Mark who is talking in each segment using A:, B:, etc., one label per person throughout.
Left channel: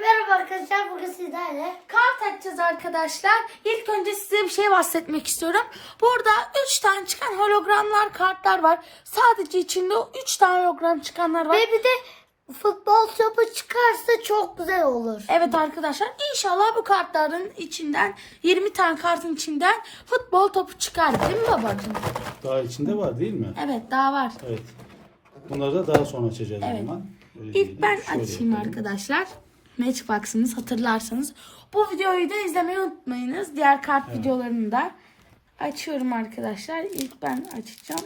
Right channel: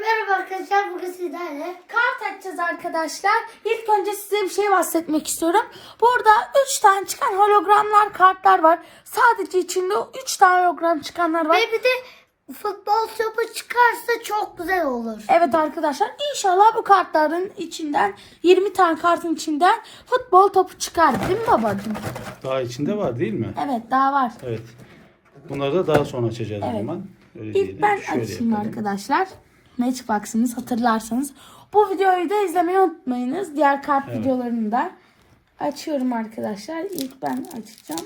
A: Merhaba arkadaşlar, bugün sizlerle
B: Kart açacağız arkadaşlar. İlk önce size bir şey bahsetmek istiyorum. Burada 3 tane çıkan hologramlar kartlar var. Sadece içinde 3 tane hologram çıkanlar var.
A: ve bir de futbol topu çıkarsa çok güzel olur.
B: Evet arkadaşlar, inşallah bu kartların içinden 20 tane kartın içinden futbol topu çıkar, değil mi babacığım?
C: Daha içinde var değil mi?
B: Evet, daha var.
C: Evet. Bunları da daha sonra açacağız o
B: Evet.
C: zaman. Öyle
B: İlk
C: diyelim.
B: ben
C: Şöyle
B: açayım
C: yapalım.
B: arkadaşlar. Matchbox'ımız, hatırlarsanız. Bu videoyu da izlemeyi unutmayınız. Diğer kart videolarını da açıyorum arkadaşlar. İlk ben açacağım.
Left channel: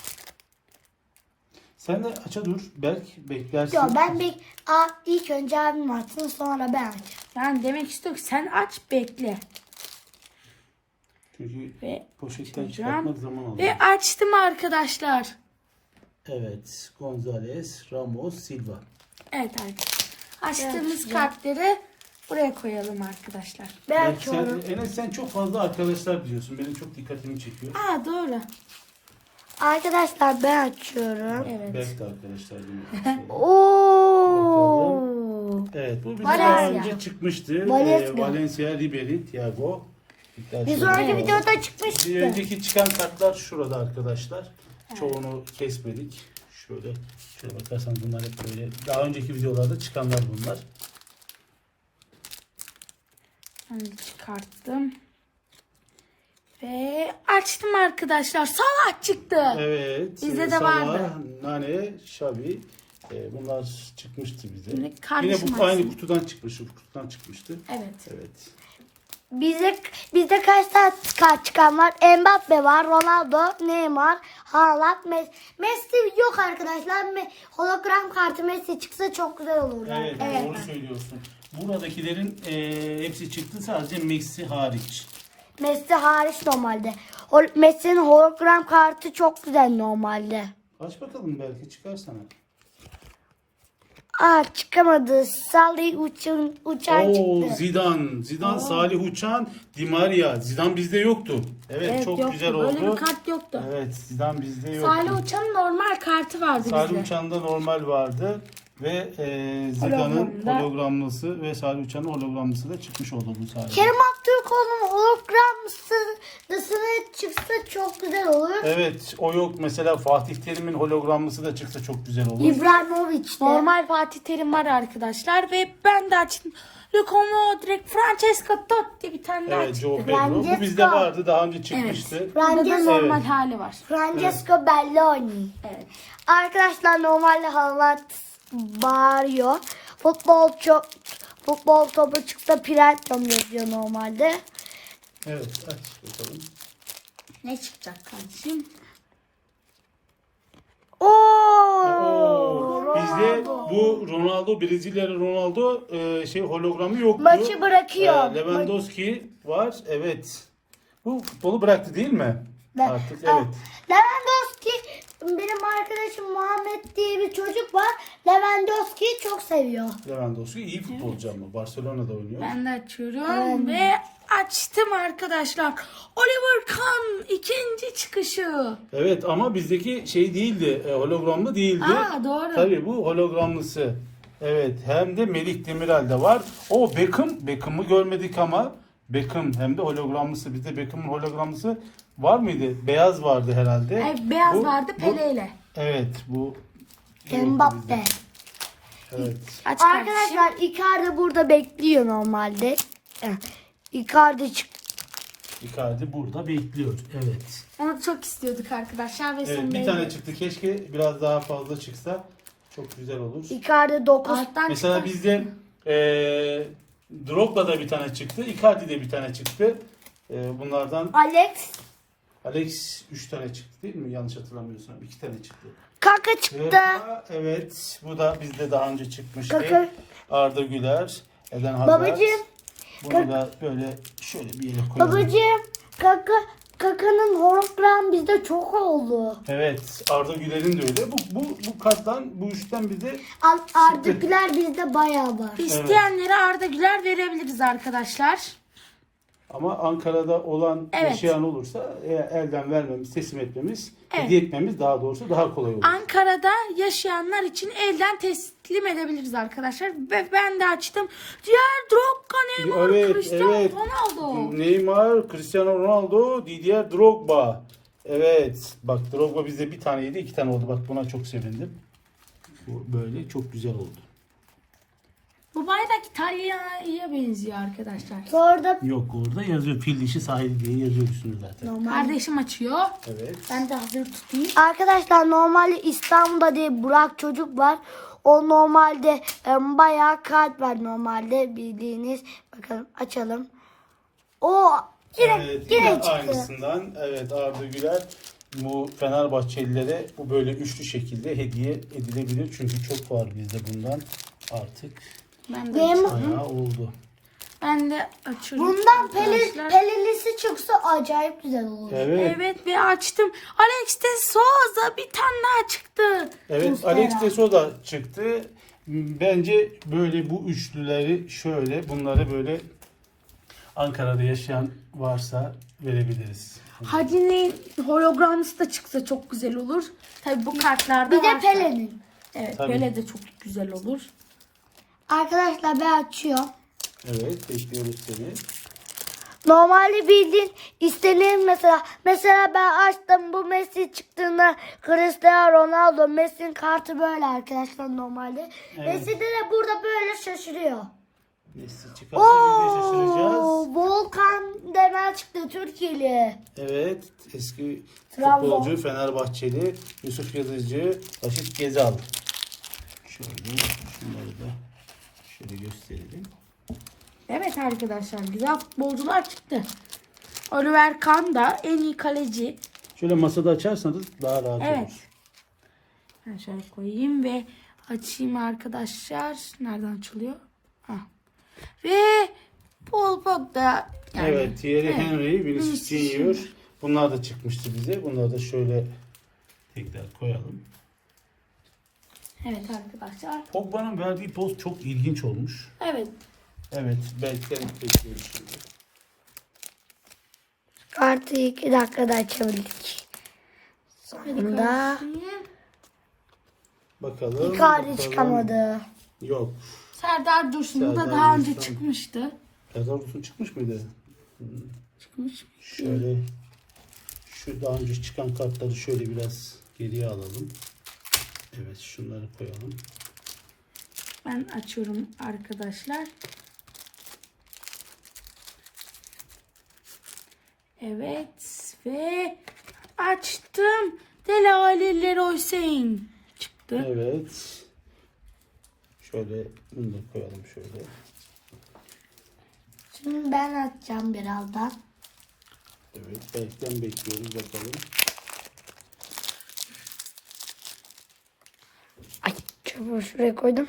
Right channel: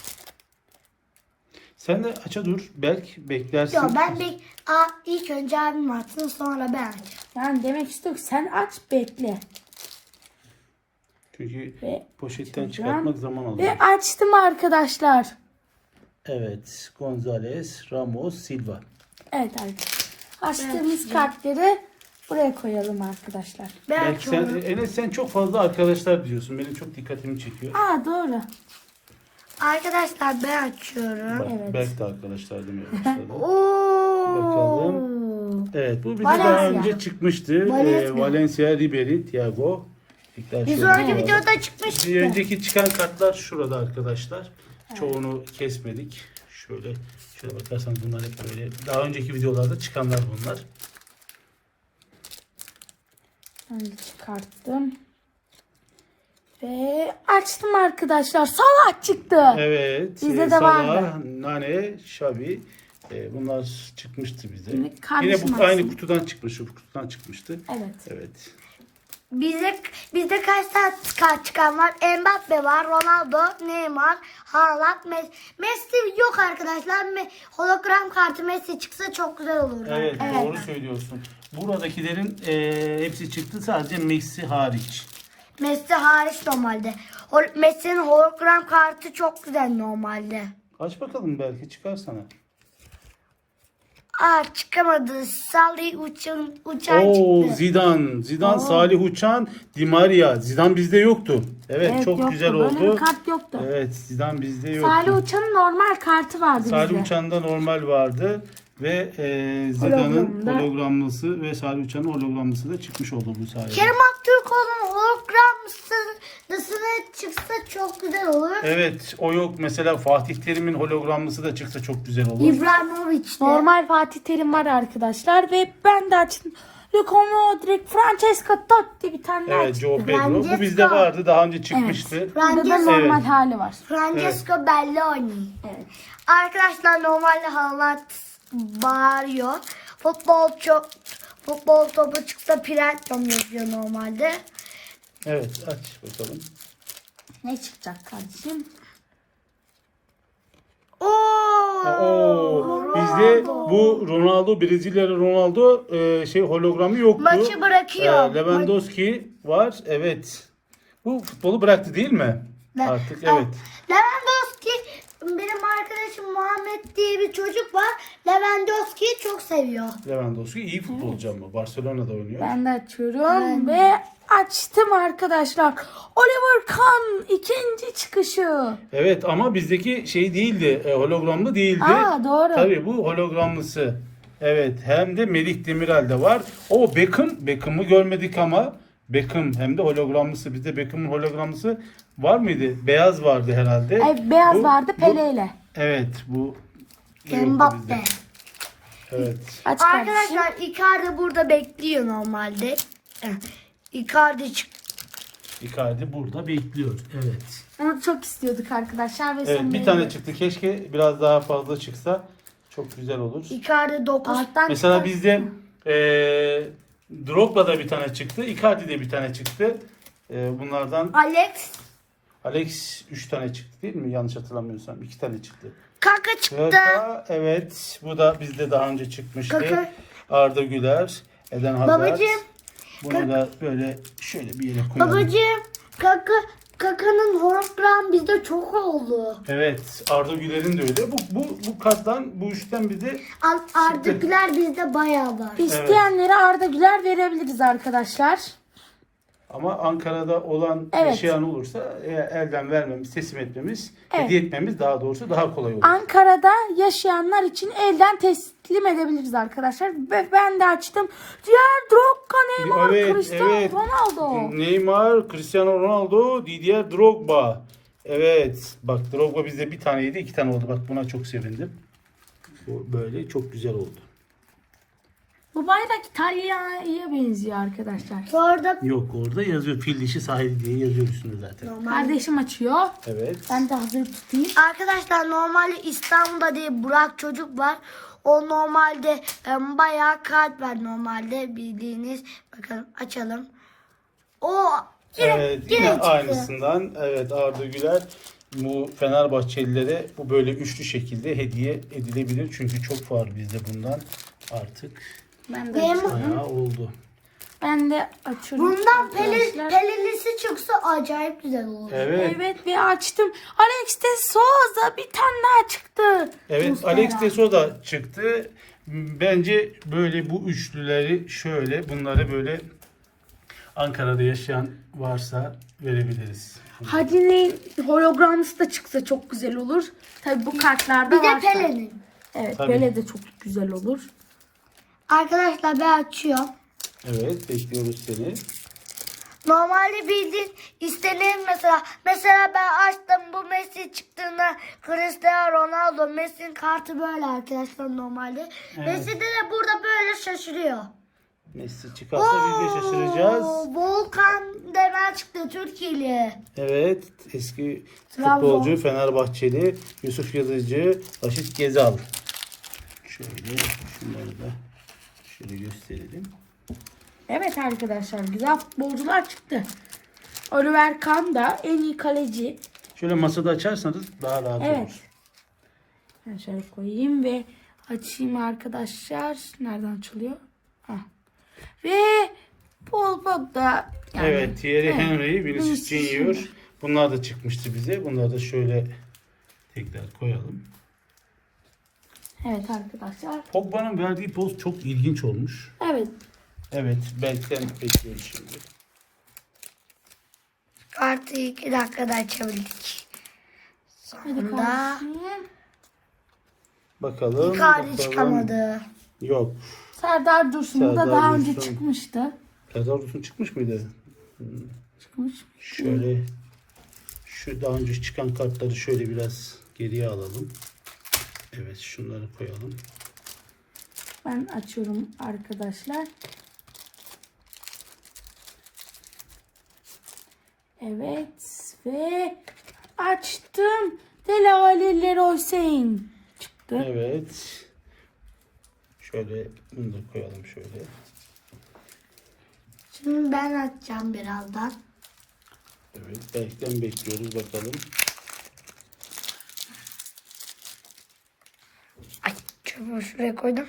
C: Sen de aça dur. Beklersin.
A: Yok, ilk önce abim atsın, sonra ben açayım.
B: Yani demek istiyorum ki sen aç, bekle.
C: Çünkü
B: Ve
C: poşetten
B: açacağım.
C: çıkartmak zaman alıyor.
B: Ve açtım arkadaşlar.
C: Evet. Gonzalez, Ramos, Silva.
B: Evet arkadaşlar. Açtığımız kartları buraya koyalım arkadaşlar.
A: Ben
C: Belki sen,
A: açıyorum.
C: Enes sen çok fazla arkadaşlar biliyorsun. Benim çok dikkatimi çekiyor.
B: Aa, doğru.
A: Arkadaşlar ben açıyorum.
C: Bak,
B: Evet.
C: Belki de arkadaşlar demeye başladı.
A: Oo.
C: Evet, bu bize
B: Valencia.
C: daha önce çıkmıştı.
A: Valencia.
C: Valencia, Ribery, Thiago. İlkler
A: Bir
C: şöyle
A: sonraki
C: var.
A: videoda çıkmıştı.
C: Bir önceki çıkan kartlar şurada arkadaşlar. Çoğunu kesmedik. Şöyle bakarsanız bunlar hep böyle. Daha önceki videolarda çıkanlar bunlar.
B: Ben de çıkarttım. Ve açtım arkadaşlar. Salah çıktı.
C: Evet.
B: Bizde de
C: Salah,
B: vardı.
C: Nane, Xavi. Bunlar çıkmıştı bize.
B: Şimdi
C: Yine
B: kardeşim
C: bu aynı
B: açsın.
C: kutudan çıkmış. Bu kutudan çıkmıştı.
B: Evet.
C: Evet.
A: Bizde kaç tane kart çıkan var? Mbappe var, Ronaldo, Neymar, Haaland, Messi. Messi yok arkadaşlar. Hologram kartı Messi çıksa çok güzel olur.
C: Evet, doğru söylüyorsun. Buradakilerin hepsi çıktı, sadece Messi hariç.
A: Messi hariç normalde. Messi'nin hologram kartı çok güzel normalde.
C: Aç bakalım, belki çıkar sana.
A: Çıkamadı. Salih uçan
C: Oo,
A: çıktı.
C: Zidane, Salih Uçan, Di Maria. Zidane bizde yoktu. Evet, çok
B: yoktu.
C: güzel
B: Böyle
C: oldu.
B: bir kart yoktu.
C: Evet, Zidane bizde yoktu.
B: Salih Uçan'ın normal kartı vardı
C: Salih
B: bizde.
C: Uçan'da normal vardı ve Zidane'ın
A: Hologramda.
C: hologramlısı ve Salih Uçan'ın hologramlısı da çıkmış oldu bu sayede.
A: Kerem Aktürkoğlu'nun hologramlısına çıksa çok güzel olur.
C: Evet, o yok. Mesela Fatih Terim'in hologramlısı da çıksa çok güzel olur.
A: İbrahimovic de.
B: Normal Fatih Terim var arkadaşlar ve ben de açtım. Luka Modric, Francesco Totti, bir tane daha
C: Evet,
B: çıktı.
C: Joe Pedro. Bu
A: Francesco.
C: bizde vardı, daha önce çıkmıştı.
B: Burada da
A: Francesco.
B: normal
C: Evet.
B: hali var.
A: Francesco Belloni.
B: Evet.
A: Arkadaşlar normalde Haaland bağırıyor. Futbol topu çıksa Prenton yazıyor normalde.
C: Evet, aç bakalım.
B: Ne çıkacak kardeşim?
C: Oo, bizde bu Ronaldo, Brezilyalı Ronaldo hologramı yoktu.
A: Maçı bırakıyor.
C: Lewandowski var. Evet. Bu futbolu bıraktı değil mi? Artık evet.
A: Lewandowski, benim arkadaşım Muhammed diye bir çocuk var. Lewandowski'yi çok seviyor.
C: Lewandowski iyi futbolcu ama Barcelona'da oynuyor.
B: Ben de açıyorum ve açtım arkadaşlar. Oliver Kahn ikinci çıkışı.
C: Evet, ama bizdeki şey değildi. Hologramlı değildi.
B: Aa, doğru.
C: Tabii bu hologramlısı. Evet, hem de Melih Demirel'de var. O Beckham'ı görmedik ama Beckham hem de hologramlısı. Bizde Beckham'ın hologramlısı var mıydı? Beyaz vardı herhalde.
B: Evet, beyaz
C: Bu-
B: vardı
C: bu-
B: Pele ile.
C: Evet, bu yoktu
A: Mbappe.
C: bizde. Evet.
B: Aç kardeşim.
A: Arkadaşlar Icardi burada bekliyor normalde. Icardi çık.
C: Icardi burada bekliyor. Evet.
B: Onu çok istiyorduk arkadaşlar. Ve
C: Evet,
B: sonunda
C: bir tane
B: yedik.
C: çıktı. Keşke biraz daha fazla çıksa. Çok güzel olur.
A: Icardi 9.
B: Alttan
C: Mesela
B: çıkar.
C: bizde Drogba'da bir tane çıktı. Icardi'de bir tane çıktı. Bunlardan Alex 3 tane çıktı değil mi? Yanlış hatırlamıyorsam. 2 tane çıktı.
A: Kaka çıktı.
C: Kaka, evet. Bu da bizde daha önce çıkmıştı.
A: Kaka.
C: Arda Güler, Eden Hazard.
A: Babacığım.
C: Bunu da böyle şöyle bir yere koyalım.
A: Babacığım Kaka'nın hologram bizde çok oldu.
C: Evet. Arda Güler'in de öyle. Bu karttan, bu üçten bize
A: Ardıklar bizde bayağı var.
B: İsteyenlere Arda Güler verebiliriz arkadaşlar.
C: Ama Ankara'da olan
B: Evet.
C: yaşayan olursa elden vermemiz, teslim etmemiz,
B: Evet.
C: hediye etmemiz daha doğrusu daha kolay olur.
B: Ankara'da yaşayanlar için elden teslim edebiliriz arkadaşlar. Ve ben de açtım. Diğer Drogba, Neymar,
C: Evet,
B: Cristiano
C: evet.
B: Ronaldo.
C: Neymar, Cristiano Ronaldo, Didier Drogba. Evet. Bak Drogba bizde bir taneydi, 2 tane oldu. Bak buna çok sevindim. Bu böyle çok güzel oldu.
B: Bu bayrak İtalya'ya benziyor arkadaşlar.
A: Sonra
C: Yok orada yazıyor. Fil dişi sahili diye yazıyor üstünde zaten.
B: Kardeşim açıyor.
C: Evet.
B: Ben de hazır tutayım.
A: arkadaşlar normalde İstanbul'da değil Burak çocuk var. O normalde bayağı kart var normalde bildiğiniz. Bakalım açalım. O
C: Evet, yine
A: çıktı.
C: aynısından. Evet, Arda Güler bu Fenerbahçelilere bu böyle üçlü şekilde hediye edilebilir. Çünkü çok var bizde bundan artık.
B: Ben de
A: Benim-
B: açıyorum.
C: Bayağı oldu.
B: Ben de açıyorum.
A: Bundan
B: arkadaşlar.
A: pelelisi çıksa acayip güzel olur.
C: Evet.
B: Evet ve açtım. Alex de Souza bir tane daha çıktı.
C: Evet, Alex de Souza çıktı. Bence böyle bu üçlüleri şöyle bunları böyle Ankara'da yaşayan varsa verebiliriz.
B: Hadi'nin hologramlısı da çıksa çok güzel olur. Tabii bu kartlarda
A: Bir de
B: varsa.
A: Pelin'in.
B: Evet,
C: Tabii.
B: Pele de çok güzel olur.
A: Arkadaşlar ben açıyorum.
C: Evet, bekliyoruz seni.
A: Normalde bildiğin istenir mesela. Mesela ben açtım bu Messi çıktığında Cristiano Ronaldo. Messi'nin kartı böyle arkadaşlar normalde. Messi de burada böyle şaşırıyor.
C: Messi çıkarsa biz de şaşıracağız.
A: Volkan Demirel çıktı Türkiye'li.
C: Evet, eski
A: Trabzon.
C: futbolcu Fenerbahçeli Yusuf Yazıcı, Raşit Gezal. Şöyle şunları da şöyle gösterelim.
B: Evet arkadaşlar, güzel futbolcular çıktı. Oliver Kahn da en iyi kaleci.
C: Şöyle masada açarsanız daha rahat
B: Evet.
C: olur.
B: Ben şöyle koyayım ve açayım arkadaşlar. Nereden açılıyor? Ah. Ve Paul Pogba. Yani,
C: Evet, Thierry
B: evet.
C: Henry, Vinicius
B: Vinicius
C: Junior.
B: Junior.
C: Bunlar da çıkmıştı bize. Bunları da şöyle tekrar koyalım.
B: Evet arkadaşlar.
C: Pogba'nın verdiği poz çok ilginç olmuş.
B: Evet.
C: Evet, belki bekliyoruz şimdi.
A: Kartı 2 dakikada açabildik.
B: Hadi
A: Sonunda
B: kardeşim.
C: Bakalım.
A: Icardi
C: bakalım.
A: çıkamadı.
C: Yok.
B: Serdar Dursun da
C: Serdar
B: daha önce
C: Dursun.
B: çıkmıştı.
C: Serdar Dursun çıkmış mıydı?
B: Çıkmış.
C: Şöyle şu daha önce çıkan kartları şöyle biraz geriye alalım. Evet, şunları koyalım.
B: Ben açıyorum arkadaşlar. Evet ve açtım. Dele Alli Leroy Sane çıktı.
C: Evet. Şöyle bunu da koyalım şöyle.
A: Şimdi ben açacağım birazdan.
C: Evet, belki bekliyoruz bakalım.
A: Ay çubuğu şuraya koydum.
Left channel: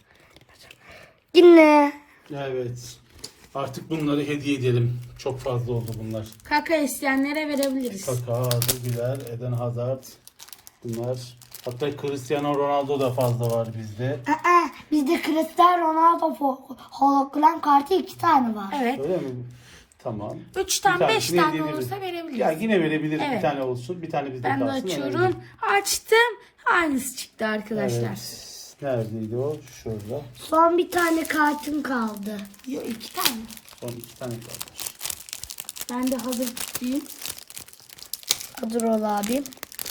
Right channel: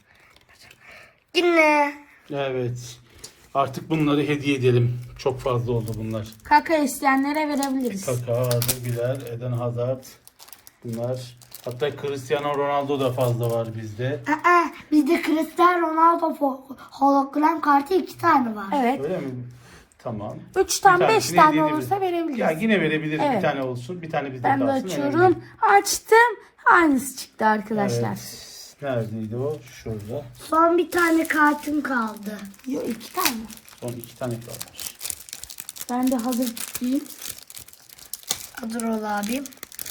A: Yine.
C: Evet. Artık bunları hediye edelim. Çok fazla oldu bunlar.
B: Kaka isteyenlere verebiliriz.
C: Kaka, Arda Güler, Eden Hazard. Bunlar. Hatta Cristiano Ronaldo da fazla var bizde.
A: Bizde Cristiano Ronaldo hologram kartı 2 tane var.
B: Evet.
C: Öyle mi? Tamam.
B: 3 tane
C: Bir
B: 5
C: tanesini
B: tane
C: hediye edebiliriz.
B: olursa verebiliriz.
C: Ya yine verebiliriz.
B: Evet.
C: Bir tane olsun. Bir tane bizde
B: Ben de
C: kalsın.
B: açıyorum. Açtım. Aynısı çıktı arkadaşlar.
C: Evet. Neredeydi o? Şurada.
A: Son bir tane kartım kaldı.
B: Yok 2 tane.
C: Son 2 tane kalmış.
B: Ben de hazır tutayım.
A: Dur ol abim.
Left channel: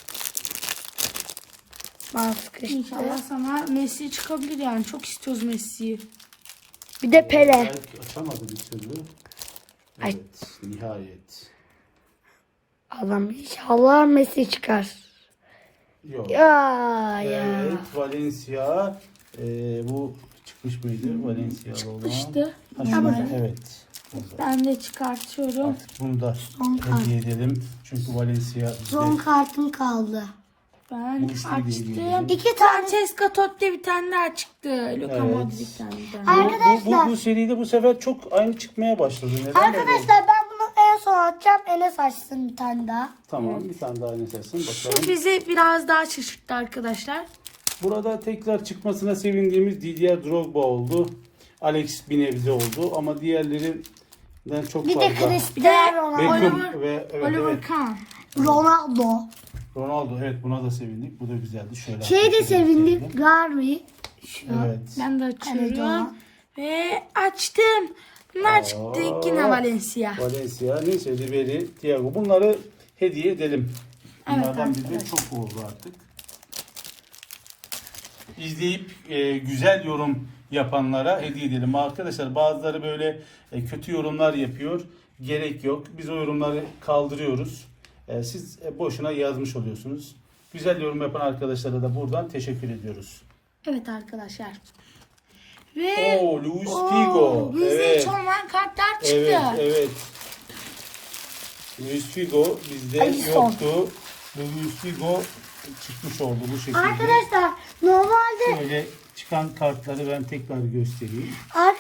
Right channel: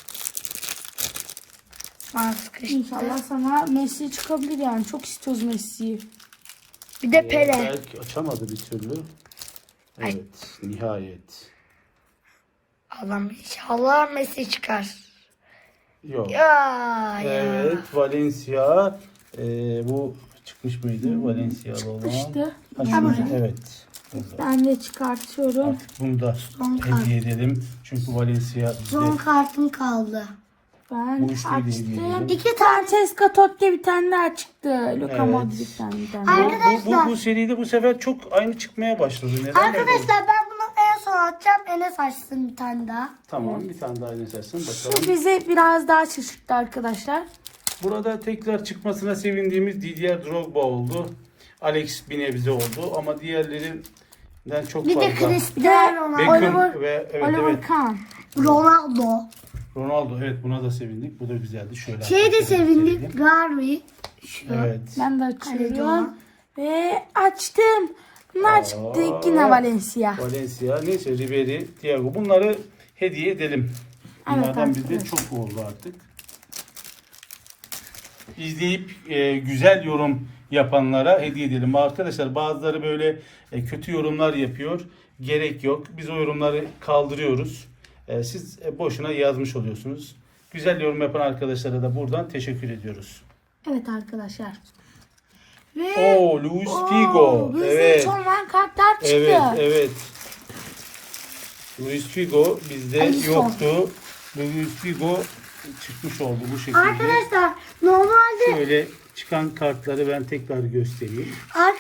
A: Ben sıkıştı.
B: İnşallah sana Messi çıkabilir yani. Çok istiyoruz Messi'yi.
A: Bir de Pele.
C: Belki açamadı bir türlü.
A: Ay.
C: Evet. Nihayet.
A: Allah'ım inşallah Messi çıkar.
C: Yok.
A: Ya.
C: Evet. Valencia. Bu çıkmış mıydı? Valencia'lı olan.
B: Çıkmıştı.
C: Ha, şurada. Evet. Burada.
B: Ben de çıkartıyorum.
C: Artık bunu da hediye edelim. Çünkü Valencia
A: Son
C: bizde.
A: kartım kaldı.
B: Ben
C: Bu üçlüyü de hediye edelim.
B: açtım.
A: 2 tane.
B: Francesca Totti bir tane daha çıktı. Luka
C: Evet.
B: Modric'ten bir tane.
C: Bu seride bu sefer çok aynı çıkmaya başladı. Neden böyle oldu?
A: Arkadaşlar ben bunu en son atacağım. Enes açsın bir tane daha.
C: Tamam, bir tane daha esersin
B: Şu
C: bakalım.
B: bizi biraz daha şaşırttı arkadaşlar.
C: Burada tekrar çıkmasına sevindiğimiz Didier Drogba oldu. Alex bir nebze oldu ama diğerleri çok
A: Bir de
C: fazla.
A: Cristiano Ronaldo.
C: Beckham ve evet,
B: Oliver
C: evet.
B: Kahn.
A: Ronaldo.
C: Ronaldo, evet, buna da sevindik. Bu da güzeldi. Şöyle
A: Şey de
C: arkadaşlar
A: sevindik.
C: gösterelim.
A: Garvey. Şu.
C: Evet.
B: Ben de
A: Evet,
B: açıyorum. Ve açtım. Bunlar çıktı. Yine Valencia.
C: Valencia, neyse Ribery, Thiago. Bunları hediye edelim. Bunlardan
B: Evet,
C: bir de çok oldu artık. İzleyip güzel yorum yapanlara hediye edelim. Arkadaşlar bazıları böyle kötü yorumlar yapıyor. Gerek yok. Biz o yorumları kaldırıyoruz. Siz boşuna yazmış oluyorsunuz. Güzel yorum yapan arkadaşlara da buradan teşekkür ediyoruz.
B: Evet arkadaşlar. Ve
C: Oo, Luis Figo.
B: bizde
C: Evet.
B: hiç olmayan kartlar çıktı.
C: Evet, evet. Luis Figo bizde
B: Alisson.
C: yoktu. Luis Figo çıkmış oldu bu şekilde.
A: Arkadaşlar normalde
C: Şöyle çıkan kartları ben tekrar göstereyim.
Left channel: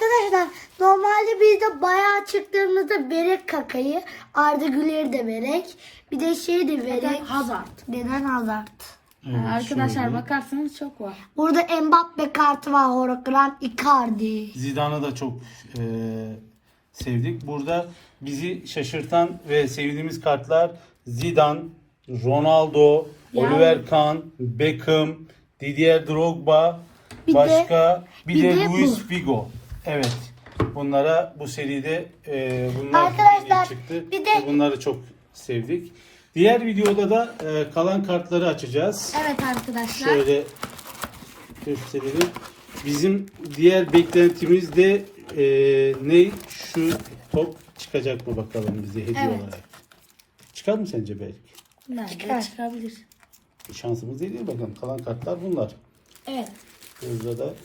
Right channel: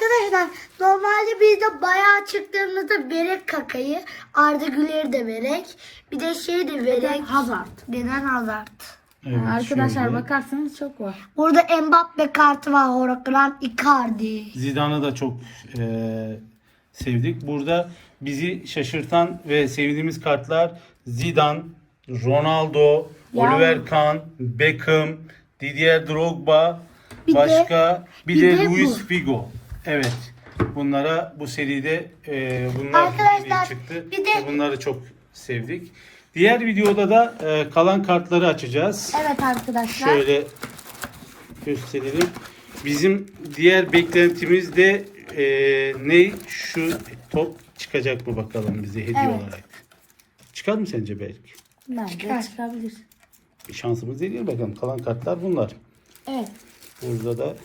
A: bizde bayağı çıktığımızda Berek Kaka'yı, Arda Güler'i de Berek. Bir de şey de Berek.
B: Hazard.
A: Neden Hazard?
C: Evet,
B: Arkadaşlar
C: şöyle.
B: bakarsanız çok var.
A: Burada Mbappe kartı var. Hologram Icardi.
C: Zidane'ı da çok sevdik. Burada bizi şaşırtan ve sevdiğimiz kartlar Zidane, Ronaldo,
B: Yani-
C: Oliver Kahn, Beckham, Didier Drogba,
A: Bir de-
C: başka bir de
A: bir de
C: Luis
A: bu.
C: Figo. Evet. Bunlara bu seride bunlar
A: Arkadaşlar,
C: çıktı.
A: bir de-
C: Ve bunları çok sevdik. Diğer videoda da kalan kartları açacağız.
B: Evet arkadaşlar.
C: Şöyle gösterelim. Bizim diğer beklentimiz de ne? Şu top çıkacak mı bakalım bize hediye
B: Evet.
C: olarak. Çıkar mı sence belki?
B: Bence çıkabilir.
C: Şansımız değil bakalım. Kalan kartlar bunlar.
B: Evet.
C: Burada da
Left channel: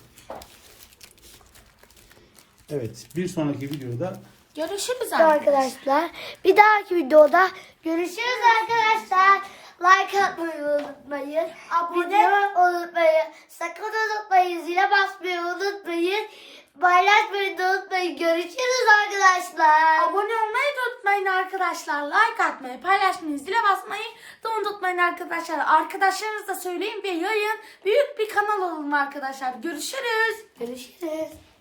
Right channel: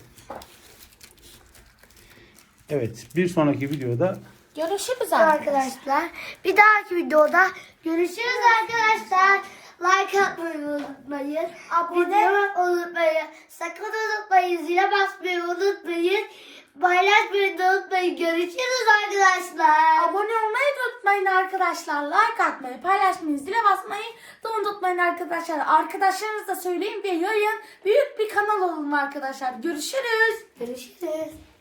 C: evet, bir sonraki videoda
B: Görüşürüz
A: Arkadaşlar bir dahaki videoda görüşürüz arkadaşlar. Like atmayı unutmayın. Abone olmayı unutmayın. Sakın unutmayın. Zile basmayı unutmayın. Paylaşmayı da unutmayın. Görüşürüz arkadaşlar.
B: Abone olmayı da unutmayın arkadaşlar. Like atmayı, paylaşmayı, zile basmayı da unutmayın arkadaşlar. Arkadaşlarınıza söyleyin ve yayın. Büyük bir kanal olun arkadaşlar. Görüşürüz.
A: Görüşürüz.